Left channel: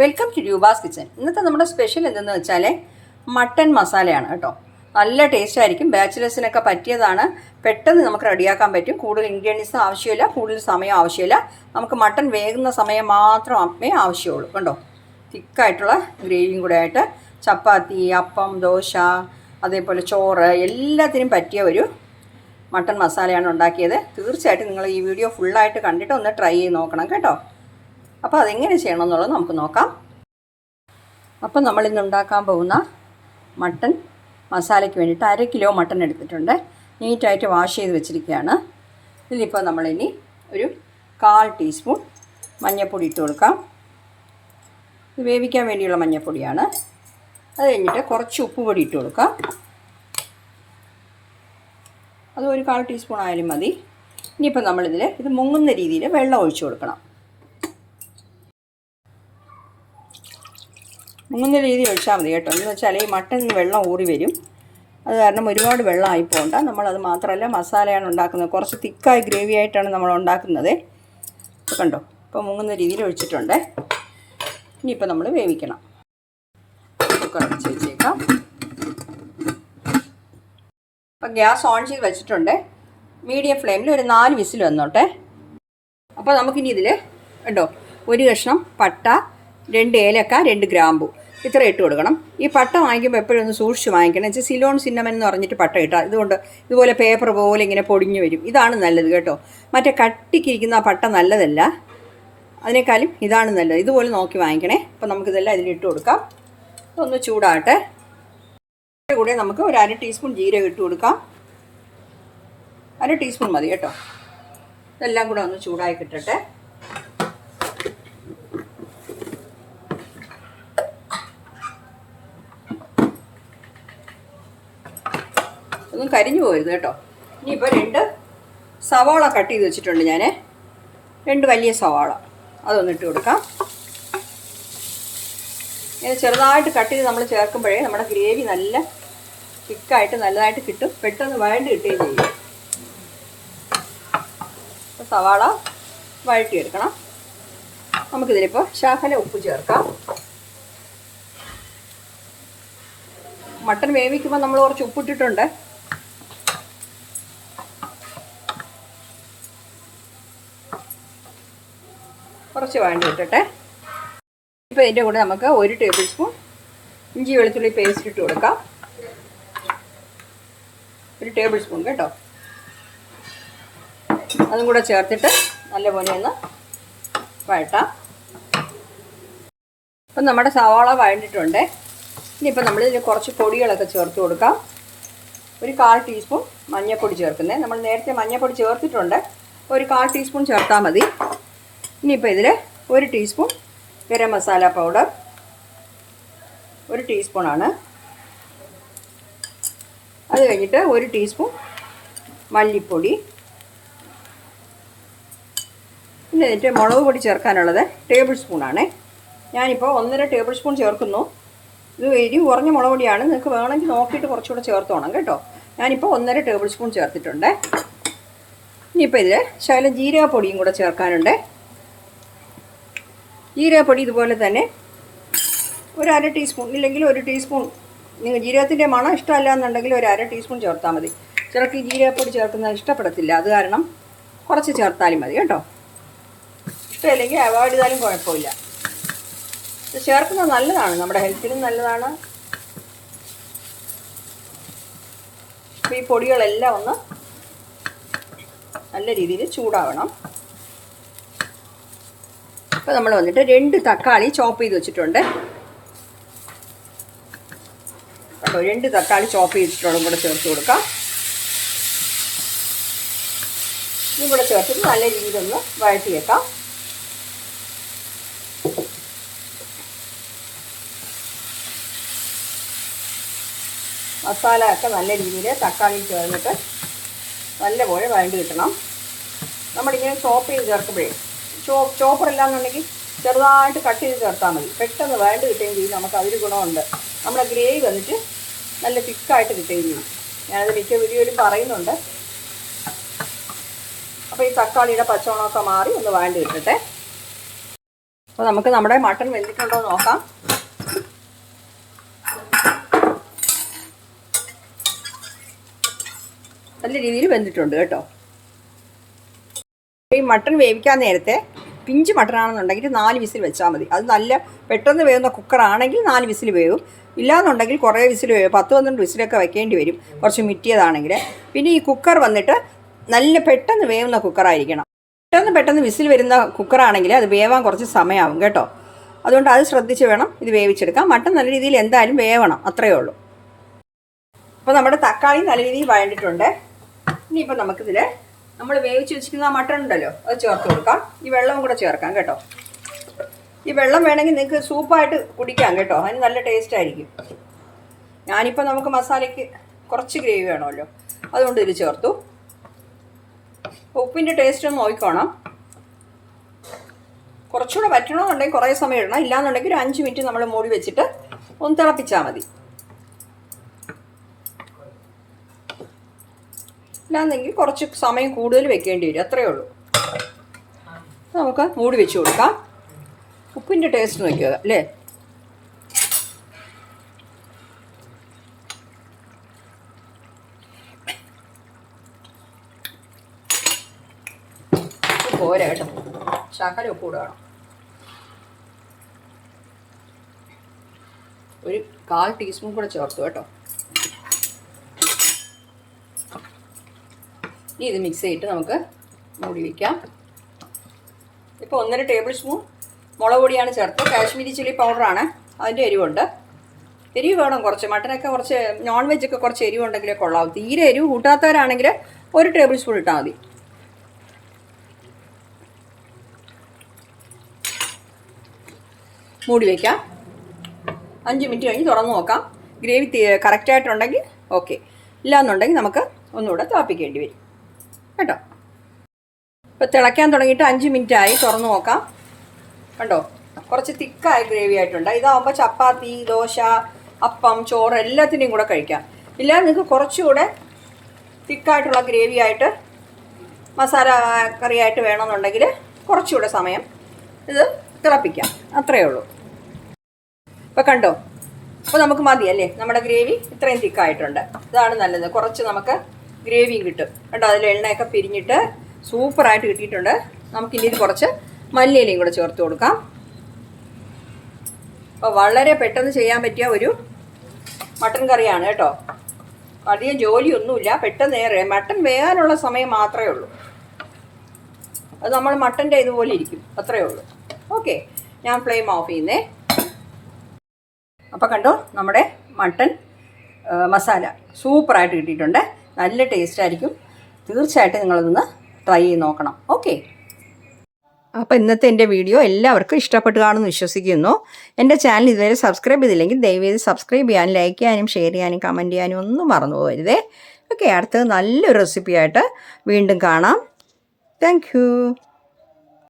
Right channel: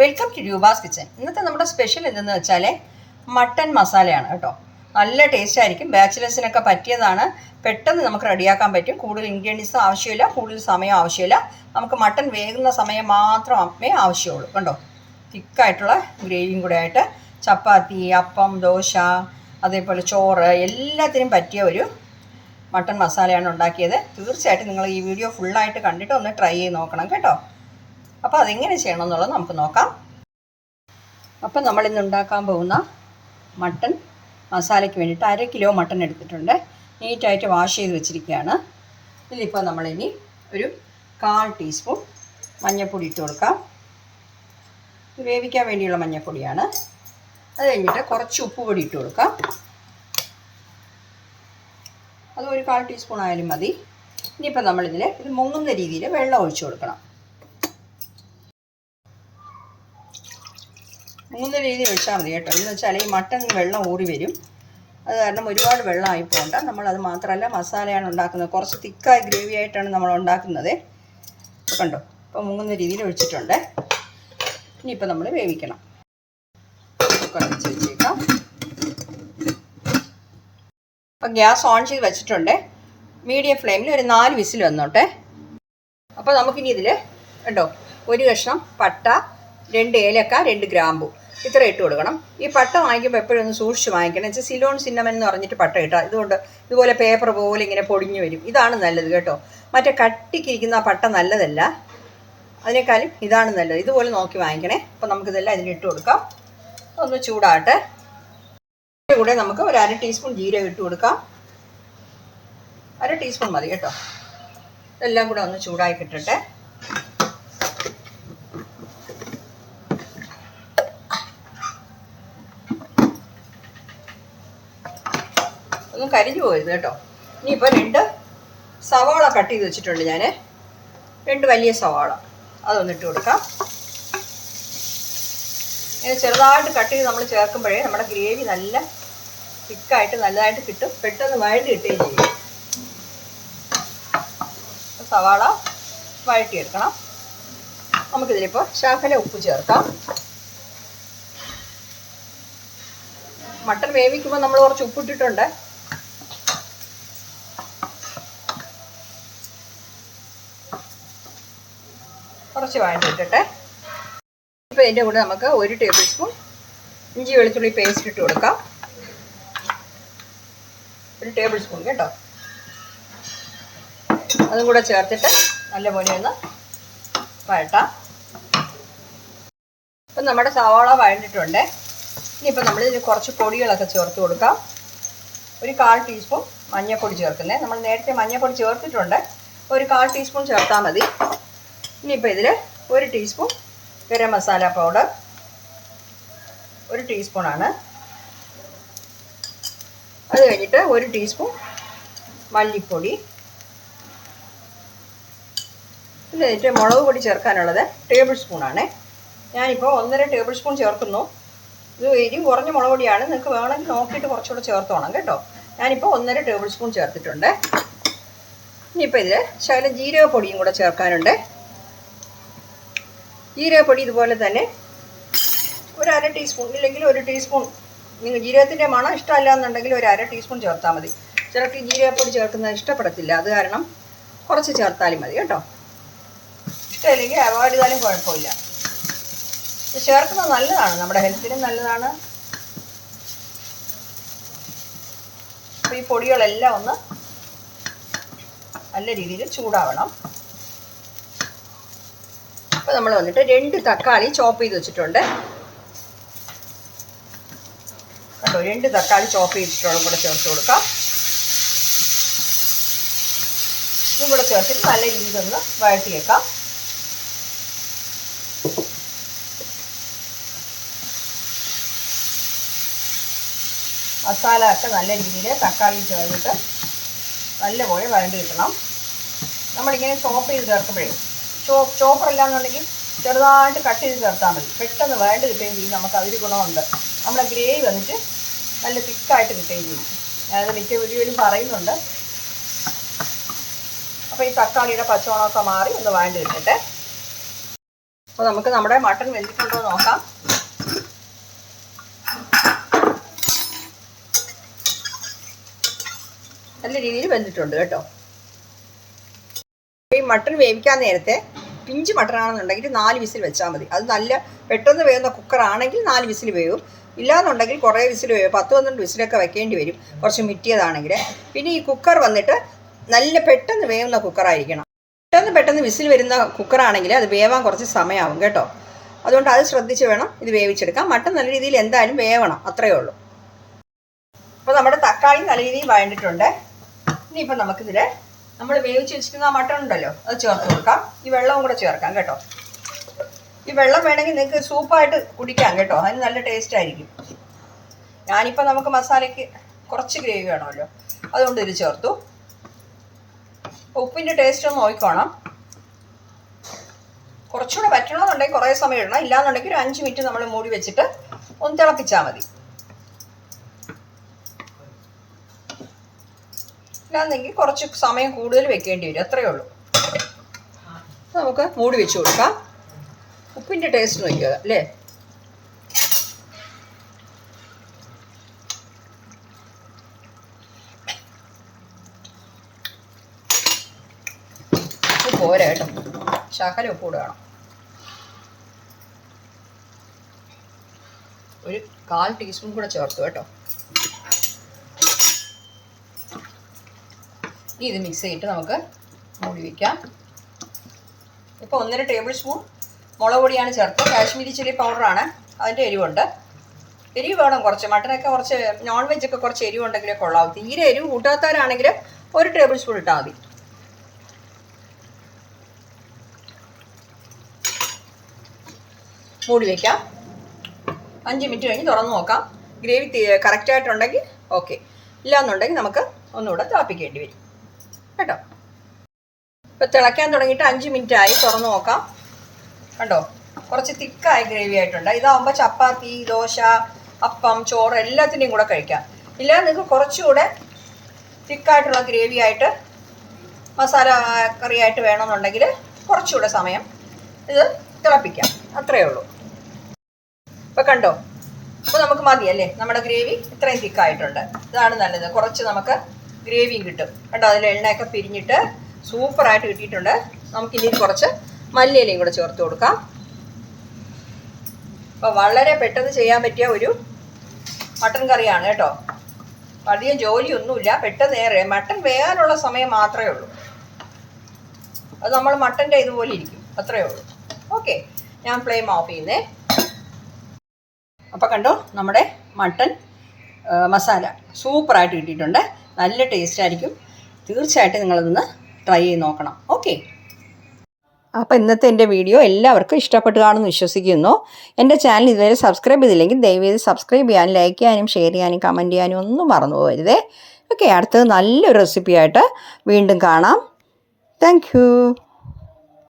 Welcome to Roopa's kitchen ഇന്നത്തെ നമ്മുടെ special എന്തെന്ന് വെച്ചാൽ മട്ടൻ മസാലയാണ് കേട്ടോ. നല്ല ടേസ്റ്റ് ആയിരിക്കും. ബാച്ചിലേഴ്സിനൊക്കെ പറ്റിയതാണ്. പെട്ടെന്ന് നമുക്ക് റെഡിയാക്കാൻ പറ്റും. കൂടുതൽ ഇൻഗ്രീഡിയൻസും ആവശ്യമില്ല. കൂടുതൽ സമയം ആവശ്യമില്ല. നമുക്ക് മട്ടൻ വേകുന്ന സമയം മാത്രമേ ആവശ്യമുള്ളൂ. കണ്ടോ? തിക്കായിട്ടുള്ള ഗ്രേവിയും കൂടെ ആയിട്ട് ചപ്പാത്തി അപ്പം ദോശ അതേപോലെ ചോറ് എല്ലാത്തിനും പറ്റിയ ഒരു മട്ടൺ മസാലയാണ് ഉണ്ടാക്കിയത്. തീർച്ചയായിട്ടും നിങ്ങൾ ഈ വീഡിയോ ഫുള്ളായിട്ട് കണ്ടിട്ട് ഒന്ന് ട്രൈ ചെയ്ത് നോക്കണം കേട്ടോ. അപ്പോൾ അതെങ്ങനെ ചെയ്യണം എന്നുള്ളത് നമുക്ക് നോക്കാം. അപ്പോൾ നമ്മളിന്ന് ഉണ്ടാക്കാൻ പോകുന്ന മട്ടൻ മസാലയ്ക്ക് വേണ്ടിയിട്ട് അര കിലോ മട്ടൻ എടുത്തിട്ടുണ്ട്. നീറ്റായിട്ട് വാഷ് ചെയ്ത് വെച്ചിരിക്കുകയാണ്. ഇതിലിപ്പോൾ നമ്മളിനി ഒരു കാൽ ടീസ്പൂൺ മഞ്ഞൾപ്പൊടി ഇട്ട് കൊടുക്കാം. ഇത് വേവിക്കാൻ വേണ്ടിയുള്ള മഞ്ഞൾപ്പൊടിയാണ്. അത് കഴിഞ്ഞിട്ട് കുറച്ച് ഉപ്പ് പൊടി ഇട്ട് കൊടുക്കാം. അത് ഒരു കാൽ ടീസ്പൂൺ ആയാലും മതി. ഇനിയിപ്പോൾ നമ്മളിതിൽ ഇത് മുങ്ങുന്ന രീതിയിൽ വെള്ളം ഒഴിച്ചു കൊടുക്കണം. മുങ്ങുന്ന രീതി ഒഴിച്ചാൽ മതി കേട്ടോ. എന്ന് വെച്ചാൽ ഈ മട്ടൻ വെള്ളം ഊറി വരും. അത് കാരണം ഒരുപാട് വെള്ളം ആയി പോകണ്ട നമ്മളത് മാത്രമല്ല മസാലയാണ് ഉണ്ടാക്കുന്നത്. കുറച്ച് തിക്കായ ഗ്രേവി ആയിട്ടാണ് നമ്മൾ ഉണ്ടാക്കുന്നത്. കണ്ടോ? ഇപ്പോൾ മുങ്ങുന്ന രീതിയിൽ ഒഴിച്ചിട്ടുണ്ട്. ഇനിയിപ്പോൾ നമ്മൾ വേവിക്കണം. കുക്കർ വെച്ച് വെച്ചേക്കാം. അപ്പോൾ ഗ്യാസ് ഓൺ ചെയ്ത് വെച്ചിട്ടുണ്ട്. മീഡിയം ഫ്ലെയിമിൽ ഒരു നാല് വിസിൽ വന്നോട്ടെ. അപ്പോൾ നമുക്കിനി ഇതിൽ കേട്ടോ ഒരു കഷ്ണം പട്ട രണ്ട് ഏലക്ക രണ്ട് ഗ്രാമ്പു. ഇത്ര ഇട്ട് കൊടുക്കണം. ഈ പട്ട വാങ്ങിക്കുമ്പോൾ എപ്പോഴും ഒന്ന് സൂക്ഷിച്ച് വാങ്ങിക്കണം. വെച്ചാൽ സിലോൺ സിന്നമൻ എന്ന് പറഞ്ഞിട്ട് പട്ട ഇട്ടാൽ ഇതുകൊണ്ട് ഇതുപോലെ പേപ്പർ പോലെ ഇങ്ങനെ പൊടിഞ്ഞു വരും. ഇതാണ് നല്ലത് കേട്ടോ. മറ്റേ കട്ടിക്കിരിക്കുന്ന ആ പട്ട നല്ലതല്ല. അതിനേക്കാളും ഇതാണ് നല്ലത്. ഇതുപോലെ നോക്കി വാങ്ങിക്കണേ. അപ്പോൾ നമുക്കിതെല്ലാം ഇതിലിട്ട് കൊടുക്കാം. ഒന്ന് ചൂടാട്ടെ കൂടെ നമുക്ക് ഒരു അര ടീസ്പൂൺ ജീരകം ഇട്ട് കൊടുക്കാം. അര ടീസ്പൂൺ മതി കേട്ടോ. ഇതെല്ലാം കൂടെ ഒന്ന് ചൂടായി കിട്ടട്ടെ. ഒന്നും കരിഞ്ഞു പോകരുത് കേട്ടോ. ഇനിയിപ്പോൾ രണ്ട് സവാള കട്ട് ചെയ്ത് വെച്ചിട്ടുണ്ട് ഞാൻ രണ്ട് വലിയ സവാള. അതൊന്ന് ഇട്ട് കൊടുക്കാം. ഇങ്ങനെ ചെറുതായിട്ട് കട്ട് ചെയ്ത് നമ്മൾ ചേർക്കുമ്പോഴേ നമ്മുടെ ഗ്രേവി നല്ല തിക്കായിട്ട് നല്ലതായിട്ട് കിട്ടും. പെട്ടെന്ന് വഴണ്ടി കിട്ടുകയും ചെയ്യും. സവാള വഴട്ടിയെടുക്കണം നമുക്കിതിലിപ്പോൾ ശാഖല ഉപ്പ് ചേർക്കാം. മട്ടൻ വേവിക്കുമ്പോൾ നമ്മൾ കുറച്ച് ഉപ്പിട്ടിട്ടുണ്ട്. കുറച്ച് വേണ്ടി ഇട്ടിട്ടെ. ഇതിന്റെ കൂടെ നമുക്ക് ഒരു ടേബിൾ സ്പൂൺ ഇഞ്ചി വെളുത്തുള്ളി പേസ്റ്റ് ഇട്ട് കൊടുക്കാം. ഒരു ടേബിൾ സ്പൂൺ കേട്ടോ. അതും കൂടെ ചേർത്തിട്ട് നല്ല പോലെ ഒന്ന് വഴട്ടാം. അപ്പം നമ്മുടെ സവാള വഴണ്ടിട്ടുണ്ട്. ഇനിയിപ്പം നമ്മൾ ഇതിന് കുറച്ച് പൊടികളൊക്കെ ചേർത്ത് കൊടുക്കാം. ഒരു കാൽ ടീസ്പൂൺ മഞ്ഞൾപ്പൊടി ചേർക്കുന്നത് നമ്മൾ നേരത്തെ മഞ്ഞൾപ്പൊടി ചേർത്തിട്ടുണ്ട്. ഒരു കാൽ ടീസ്പൂൺ ചേർത്താൽ മതി. ഇനിയിപ്പോൾ ഇതിൽ ഒരു ടീസ്പൂൺ ഗരം മസാല പൗഡർ ഒരു ടീസ്പൂണാണ് അത് കഴിഞ്ഞിട്ട് ഒരു ടീസ്പൂൺ മല്ലിപ്പൊടി. പിന്നെ എന്നിട്ട് മുളക് പൊടി ചേർക്കാനുള്ളത് ടേബിൾ സ്പൂണാണ് ഞാനിപ്പോൾ ഒന്നര ടേബിൾ സ്പൂൺ ചേർക്കുന്നു. ഇത് എരി കുറഞ്ഞ മുളക് പൊടിയാണ്. നിങ്ങൾക്ക് വേണമെങ്കിൽ നോക്കിയിട്ട് കുറച്ചുകൂടെ ചേർത്തോണം കേട്ടോ. ഞാനിപ്പോൾ ഒന്നര ടേബിൾ സ്പൂൺ ചേർത്തിട്ടുണ്ട്. ഇനിയിപ്പോൾ ഇതിൽ ശകലം ജീരകപ്പൊടിയും കൂടെ ചേർക്കാനുണ്ട്. ജീരകപ്പൊടി ഇതുപോലെ തന്നെ ഒരു അര ടീസ്പൂൺ ഇല്ലെങ്കിൽ ഒരു ടീസ്പൂൺ നിങ്ങൾ ജീരകത്തിന്റെ മണം ഇഷ്ടമല്ല എന്നുണ്ടെങ്കിൽ ഒരു അര ടീസ്പൂൺ ചേർത്താൽ മതി. ചിലർക്ക് ജീരകപ്പൊടി ചേർക്കുന്നത് ഇഷ്ടപ്പെടത്തില്ല. അത് കാരണം കുറച്ച് ചേർത്താലും മതി കേട്ടോ. ഇഷ്ടമില്ലെങ്കിൽ അവോയ്ഡ് ചെയ്താലും കുഴപ്പമില്ല. ചേർക്കുന്നത് നല്ലതാണ്. നമ്മുടെ ഹെൽത്തിനും നല്ലതാണ്. അപ്പോൾ ഈ പൊടികളെല്ലാം ഒന്ന് നല്ല രീതിയിൽ ചൂടാവണം. അപ്പോൾ നമ്മൾ വന്നിട്ട് രണ്ട് തക്കാളി ചോപ്പ് ചെയ്ത് വെച്ചിട്ടുണ്ട്. കണ്ടോ രണ്ട് തക്കാളി ചോപ്പ് ചെയ്തിട്ടുള്ള കൂടെ ചേർത്ത് കൊടുക്കാം. ഇതും ചേർത്തിട്ട് നല്ല രീതിയിൽ ഒന്ന് വഴറ്റിയേക്കാം. മസാല ഒക്കെ നല്ല രീതിയിൽ തക്കാളി ചേർന്നിട്ട് നല്ലപോലെ വഴണ്ടി കിട്ടണം. നമ്മളിങ്ങനെ ചോപ്പ് ചെയ്ത് ചേർക്കുമ്പോഴേ ചോ ചോപ്പറല്ലാന്നുണ്ടെങ്കിൽ ചെറുതായിട്ട് കട്ട് ചെയ്ത് ചേർത്താൽ മതി. പെട്ടെന്ന് വേണ്ട കിട്ടുകയും ചെയ്യും. നമുക്ക് അതിൽ ഗുണമുണ്ട്. നമ്മുടെ ഗ്രേവി വന്നിട്ട് നല്ല തിക്കായിട്ട് കിട്ടുകയും ചെയ്യും. ഞാനത് മിക്ക വീഡിയോയിലും പറയുന്നുണ്ട്. അപ്പോൾ ഈ തക്കാളിയുടെ പച്ചമുളകൊക്കെ മാറി ഒന്ന് വേണ്ട കിട്ടട്ടെ. അപ്പോൾ നമുക്ക് നമ്മുടെ മട്ടൺ വെന്തിട്ടുണ്ടോ നോക്കാം. നല്ല രീതിയിൽ വെന്തിട്ടുണ്ട് കേട്ടോ. ഈ മട്ടൺ വേവിക്കാൻ നേരത്തെ പിഞ്ച് മട്ടനാണെന്നുണ്ടെങ്കിൽ നാല് വിസിൽ വെച്ചാൽ മതി. അത് നല്ല പെട്ടെന്ന് വേവുന്ന കുക്കറാണെങ്കിൽ നാല് വിസിൽ വേവും. ഇല്ലാന്നുണ്ടെങ്കിൽ കുറേ വിസിൽ വേവും പത്ത് പന്ത്രണ്ട് വിസിലൊക്കെ വെക്കേണ്ടി വരും. കുറച്ച് മിറ്റിയതാണെങ്കിൽ. പിന്നെ ഈ കുക്കർ വന്നിട്ട് നല്ല പെട്ടെന്ന് വേവുന്ന കുക്കറായിരിക്കണം പെട്ടെന്ന് പെട്ടെന്ന് വിസിൽ വരുന്ന കുക്കറാണെങ്കിൽ അത് വേവാൻ കുറച്ച് സമയമാവും കേട്ടോ. അതുകൊണ്ട് അത് ശ്രദ്ധിച്ച് വേണം ഇത് വേവിച്ചെടുക്കാം മട്ടൻ നല്ല രീതിയിൽ എന്തായാലും വേവണം. അത്രയേ ഉള്ളൂ. അപ്പോൾ നമ്മുടെ തക്കാളി നല്ല രീതിയിൽ വഴണ്ടിട്ടുണ്ട്. ഇനിയിപ്പോൾ നമുക്കിതിൽ നമ്മൾ വേവിച്ച് വെച്ചിരിക്കുന്ന ആ മട്ടൺ ഉണ്ടല്ലോ അത് ചേർത്ത് കൊടുക്കാം. ഈ വെള്ളവും കൂടെ ചേർക്കാം കേട്ടോ. ഈ വെള്ളം വേണമെങ്കിൽ നിങ്ങൾക്ക് സൂപ്പായിട്ട് കുടിക്കാം കേട്ടോ അതിന് നല്ല ടേസ്റ്റ് ആയിരിക്കും. ഞാനിപ്പോൾ നമുക്ക് മസാലയ്ക്ക് കുറച്ച് ഗ്രേവി വേണമല്ലോ അതുകൊണ്ട് ഇതിൽ ചേർത്തു. ഉപ്പിന്റെ ടേസ്റ്റ് ഒന്ന് നോക്കിക്കോണം. കുറച്ചുകൂടെ പറ്റണമെന്നുണ്ടെങ്കിൽ കുറേ സമയം ഇടണം ഇല്ലാന്നുണ്ടെങ്കിൽ ഒരു അഞ്ച് മിനിറ്റ് നമ്മൾ മൂടി വെച്ചിട്ട് ഒന്ന് തിളപ്പിച്ചാൽ മതി. ഇല്ലാന്നെങ്കിൽ കുറച്ച് സമയം കൂടുതൽ വെക്കേണ്ടി വരും. അത്രയേ ഉള്ളൂ. നമുക്ക് മൂടി വെച്ച് കൊടുക്കാം. ഉപ്പിന്റെ ടേസ്റ്റ് നോക്കുക അല്ലേ? പോരാ കേട്ടോ. ശകലം ഉപ്പ് കൂടെ വേണം. ഒരു കാൽ ടീസ്പൂൺ കൂടെ ചേർത്തു കേട്ടോ. ഇത് മിക്സ് ചെയ്തിട്ട് നമുക്ക് മൂടി വയ്ക്കാം ഇപ്പോൾ ഒന്നര ടേബിൾ സ്പൂൺ മുളക് പൊടിയാണ് ചേർത്ത്. കാശ്മീരി ചില്ലി പൗഡറാണ് അതിന്റെ എരിവുണ്ട്. എരിവ് വേണം കുറച്ച്. മട്ടനൊക്കെ കുറച്ച് നോൺ വെജൊക്കെ കുറച്ച് എരിവുണ്ടെങ്കിലേ കൊള്ളാവും. തീരെ എരിവ് കൂട്ടാത്തവരാണെങ്കിൽ ഒരു ടേബിൾ സ്പൂൺ ഇട്ടാൽ മതി. മൂടി വയ്ക്കാം അഞ്ച് മിനിറ്റ് കഴിഞ്ഞ് തുറന്ന് നോക്കാം. ഗ്രേവി കറക്റ്റായിട്ടുണ്ടെങ്കിൽ ഓക്കെ ഇല്ലാന്നുണ്ടെങ്കിൽ നമുക്ക് ഒന്നുകൂടെ തിളപ്പിക്കേണ്ടി വരും. കേട്ടോ. ഇപ്പോൾ തിളയ്ക്കാൻ തുടങ്ങിയിട്ട് അഞ്ച് മിനിറ്റ് ആയി തുറന്നു നോക്കാം. കണ്ടോ? കുറച്ച് തിക്കായ ഗ്രേവി ആയിട്ടുണ്ട്. ഇതാവുമ്പോൾ ചപ്പാത്തി ദോശ അപ്പം ചോറ് എല്ലാത്തിന്റെയും കൂടെ കഴിക്കാം. ഇല്ല നിങ്ങൾക്ക് കുറച്ചുകൂടെ തിക്കായിട്ടുള്ള ഗ്രേവി ആയിട്ട് മസാല കറിയായിട്ട് വേണമെന്നുണ്ടെങ്കിൽ കുറച്ചുകൂടെ സമയം ഇത് തിളപ്പിക്കാം. അത്രയേ ഉള്ളൂ. ഇപ്പോൾ കണ്ടോ? അപ്പോൾ നമുക്ക് മതിയല്ലേ? നമ്മുടെ ഗ്രേവി ഇത്രയും തിക്കായിട്ടുണ്ട്. ഇതാണ് നല്ലത്. കുറച്ച് നമുക്ക് ഗ്രേവിയും കിട്ടും. കേട്ടോ അതിൽ എണ്ണയൊക്കെ പിരിഞ്ഞിട്ട് സൂപ്പറായിട്ട് കിട്ടിയിട്ടുണ്ട്. നമുക്ക് ഇനി കുറച്ച് മല്ലിയിലയും കൂടെ ചേർത്ത് കൊടുക്കാം. അപ്പോൾ വളരെ പെട്ടെന്ന് ചെയ്യാൻ പറ്റിയ ഒരു മട്ടൻ കറിയാണ് കേട്ടോ. അധികം ജോലിയൊന്നുമില്ല പെട്ടെന്ന് ഏറെ. മട്ടൻ വേകാനുള്ള സമയം മാത്രമേ ഉള്ളൂ. അത് നമ്മൾ മട്ടന്റെ ഇതുപോലെ ഇരിക്കും അത്രയേ ഉള്ളൂ. ഓക്കെ ഞാൻ ഫ്ലെയിം ഓഫ് ചെയ്യുന്നേ. അപ്പോൾ കണ്ടോ നമ്മുടെ മട്ടൻ മസാല സൂപ്പറായിട്ട് കിട്ടിയിട്ടുണ്ട്. നല്ല ടേസ്റ്റ് ആയിരിക്കും. തീർച്ചയായിട്ടും നിങ്ങളതൊന്ന് ട്രൈ ചെയ്ത് നോക്കണം. ഓക്കെ അപ്പോൾ ഇന്നത്തെ എന്റെ വീഡിയോ എല്ലാവർക്കും ഇഷ്ടപ്പെട്ടു കാണുമെന്ന് വിശ്വസിക്കുന്നു. എന്റെ ചാനൽ ഇതുവരെ സബ്സ്ക്രൈബ് ചെയ്തില്ലെങ്കിൽ ദയവേത് സബ്സ്ക്രൈബ് ചെയ്യാനും ലൈക്ക് ചെയ്യാനും ഷെയർ ചെയ്യാനും കമന്റ് ചെയ്യാനും ഒന്നും മറന്നു പോകരുതേ. ഓക്കെ അടുത്തത് നല്ലൊരു റെസിപ്പിയായിട്ട് വീണ്ടും കാണാം. താങ്ക്